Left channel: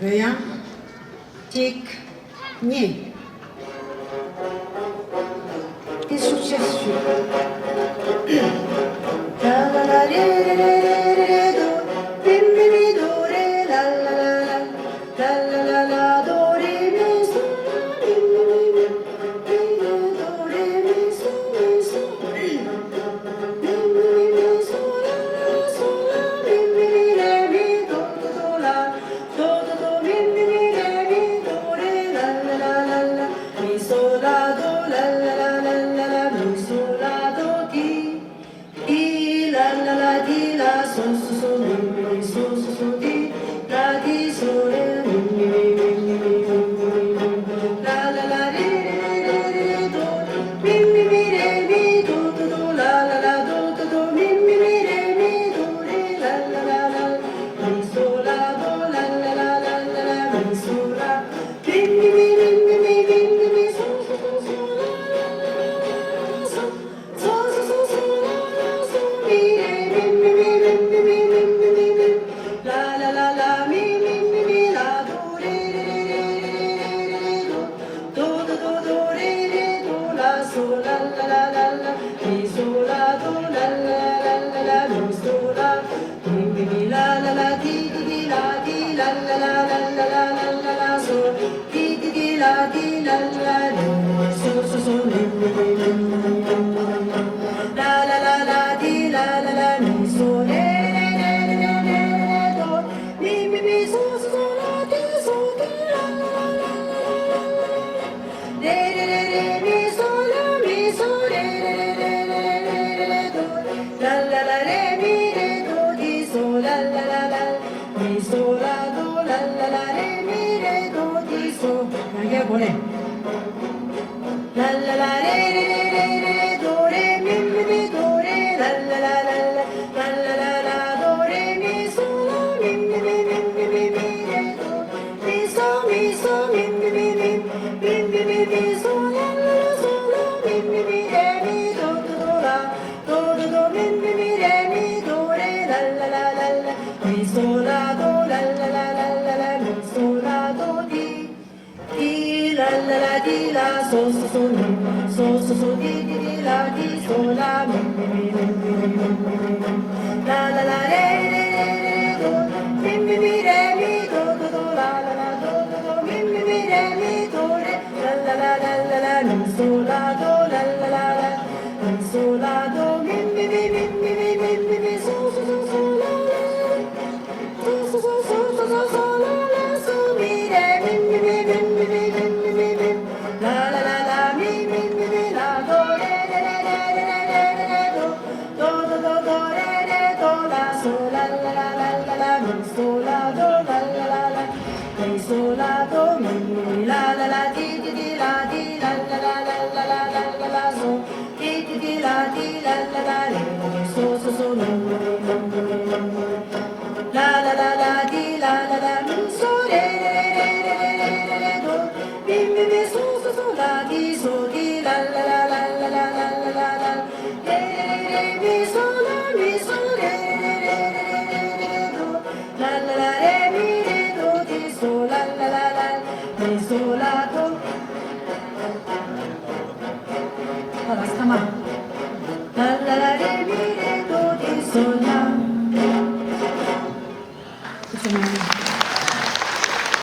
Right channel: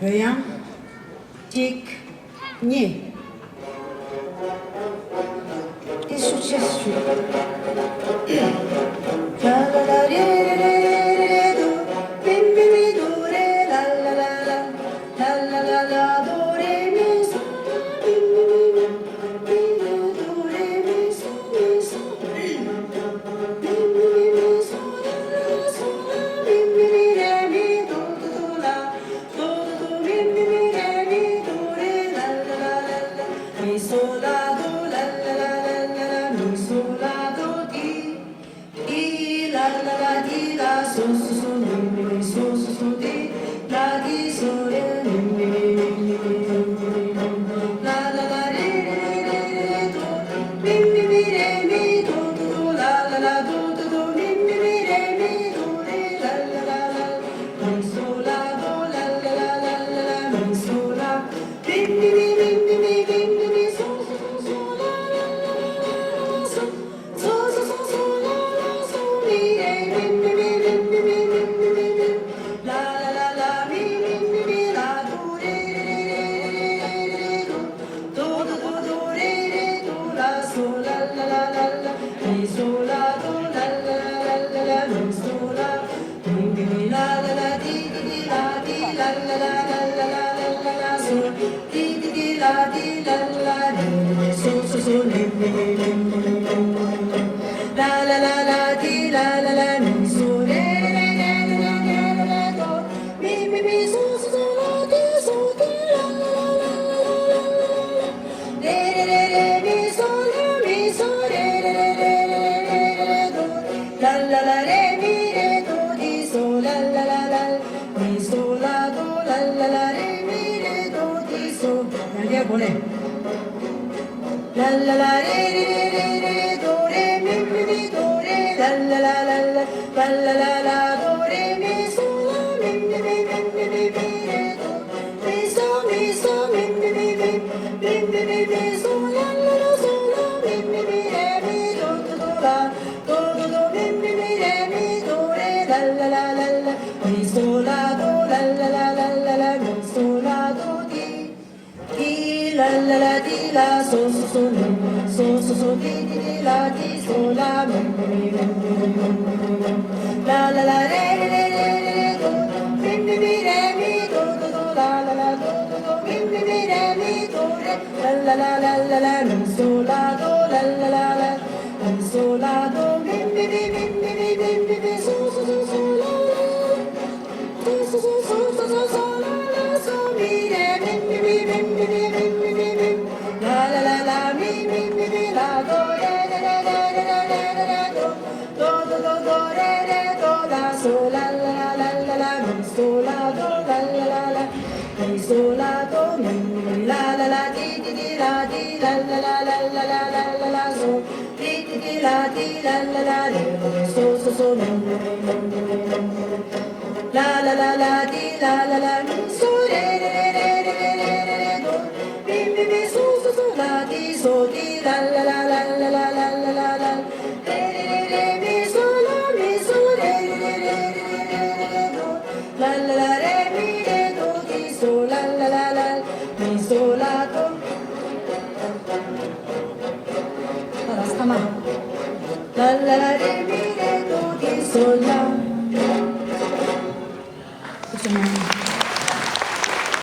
Vediamo. Tic. Ni. Che è successo? La la la re re re re re do. Mi mi mi do re la la la la. La la la la do re mi so. Mi mi mi mi mi do re mi so mi so. Mi mi mi so la la so la. Mi mi mi re mi do do do la. Do do do mi mi mi re mi do re la la la la la. Mi so la do la la la la la la. Mi so la do di la la la di la so so so mi mi mi so so so di la di so re mi mi mi mi mi mi mi la la la re re re re do mi mi mi re mi do do do la la la do do do mi mi mi re mi do re la la la la mi so la do la la la la la la mi so la mi mi mi mi mi mi mi mi so so so so la la la la so so so so so la la so mi re mi mi mi mi mi mi mi mi mi mi la la la la mi mi mi mi la do re re re re re re do do do do re re do la so la la la la la mi so la do la la la la la mi so la mi mi mi la la la di di di la di la la la la la la la la la so di di di la di la la la so so so mi mi mi mi mi mi la la la la di la la la mi so re re re re re re do mi mi mi so so so la di so di la la la la la la la re re re re mi so la mi so re re re re re re re do la la la re mi re do di so la la la la mi so la do la la la re mi re do di so 이게 뭐래? La la la re re re re re do re mi mi mi do re la la la la la la la la la do re mi so la mi mi mi mi mi mi mi re do mi so mi mi mi mi mi mi mi mi so la la la so la mi mi mi re mi do do do la do do do mi mi mi re mi do re la la la la la mi so la do la la la la la la mi so la do di la la la di la so so so mi so so so di di di la di so la mi mi mi mi mi mi mi la la la re re re re do mi mi mi re mi do do do la la la do do do mi mi mi re mi do re la la la la la la mi so la do la la la la mi so la do mi mi mi mi mi mi mi mi mi so so so so la la so so so so so so so la la so mi re mi mi mi mi mi mi mi mi mi mi la la la la mi mi mi mi la do re re re re re re re re do do do do do re re do la so la la la la la la mi so la do la la la la mi so la do mi mi mi la la la di di di la di la la la la la la la la la so di di di la di la la la re re so so so mi mi mi mi mi mi mi la la la la di la la la mi so re re re re re re re re do mi mi mi